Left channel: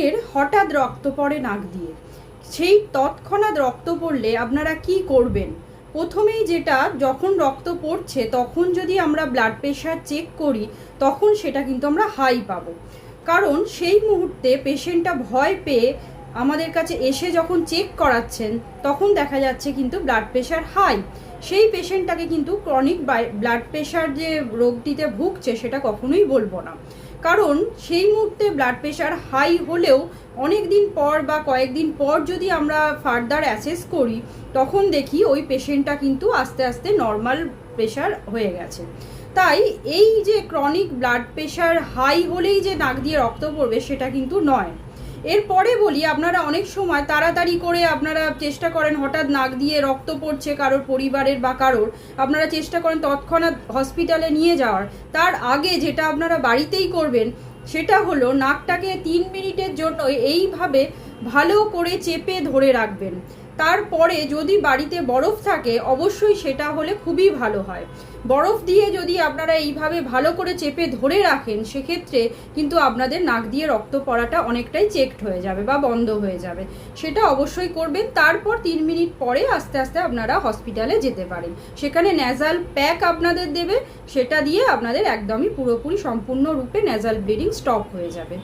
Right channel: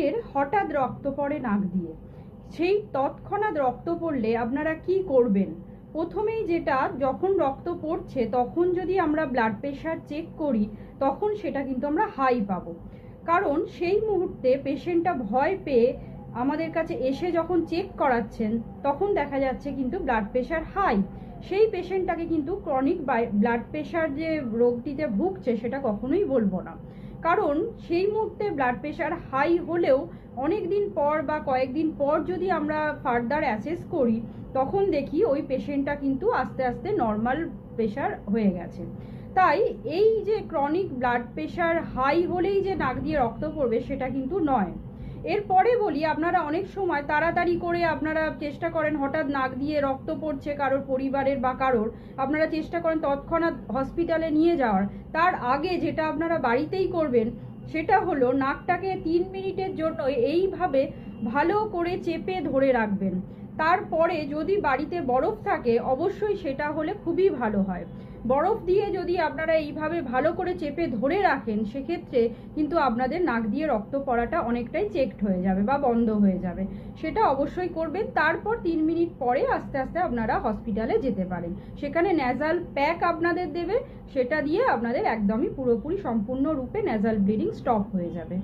অনেকের হঠাৎ রক্ত পড়ে নাক দিয়ে। সেই তৎক্ষণাৎ রক্ত পড়লে আপনারা কি করবেন? প্রথমেই যেটা, যখন রক্ত পড়ছে, তখন যদি আমরা ব্লাড প্রেশার চেক করি, তখন সেটা কিন্তু আমরা হাই পাবো। কারণ সেই মুহূর্তে পেশেন্টটা ভয় পেয়ে আমাদের কাছে এসে যখন চেক করাচ্ছেন, তখন দেখা যাচ্ছে কিন্তু ব্লাড প্রেশার হাই সেই পেশেন্টটাকে কিন্তু ক্রনিক ব্লাড প্রেশার যে রোগটিতে ভুগছে, সেটা কখনোই বলব না। কারণ সেই মুহূর্তে ব্লাড প্রেশার হাই হলেও অনেক দিন পর বা কয়েকদিন পর যদি আমরা ফার্দার অ্যাসেস করি, তখন দেখি ওই পেশেন্টটা কিন্তু আস্তে আস্তে নর্মাল প্রেশার হয়ে গেছে। তাই এই যে ক্রনিক ব্লাড প্রেশার হাই হলেই যে নাক দিয়ে রক্ত পড়বে, সেটা কিন্তু নয়। এরপরে বলি, আপনারা অনেক সময় তাড়াতাড়ি করে আপনারা চেষ্টা করেন হঠাৎ নাক দিয়ে রক্ত পড়ছে কারোর পরিবারের বা কারোর, আপনারা চেষ্টা করেন তৎক্ষণাৎ হসপিটালে নিয়ে যাওয়ার। তার আগে যেটা আপনারা বাড়িতেই করবেন, সেটা হলো নাকটাকে তিন মিনিটের জন্য এইভাবে ভালো করে চেপে ধরে রাখবেন। তারপরে যদি বাড়িতে বরফ থাকে, অবশ্যই সেটা হলে খুবই ভালো হয়। বরফ দিয়ে যদি আপনারা এইভাবে ভালো করে চেপে ধরে রাখেন, সেক্ষেত্রে কিন্তু আপনাদের নাক দিয়ে রক্ত পড়াটা অনেকটাই চেকড হয়ে যাবে বা বন্ধ হয়ে যাবে। সেটা অবশ্যই করবেন। তারপর তিন মিনিট পরে আস্তে আস্তে আপনারা হসপিটালে যেতে পারেন। সেখানে ন্যাজাল প্যাক আপনাদের দেবে। সেটা দিয়ে আপনাদের একদমই পুরোপুরি সম্পূর্ণরূপে ন্যাজাল ব্লিডিং স্টপ হয়ে যাবে।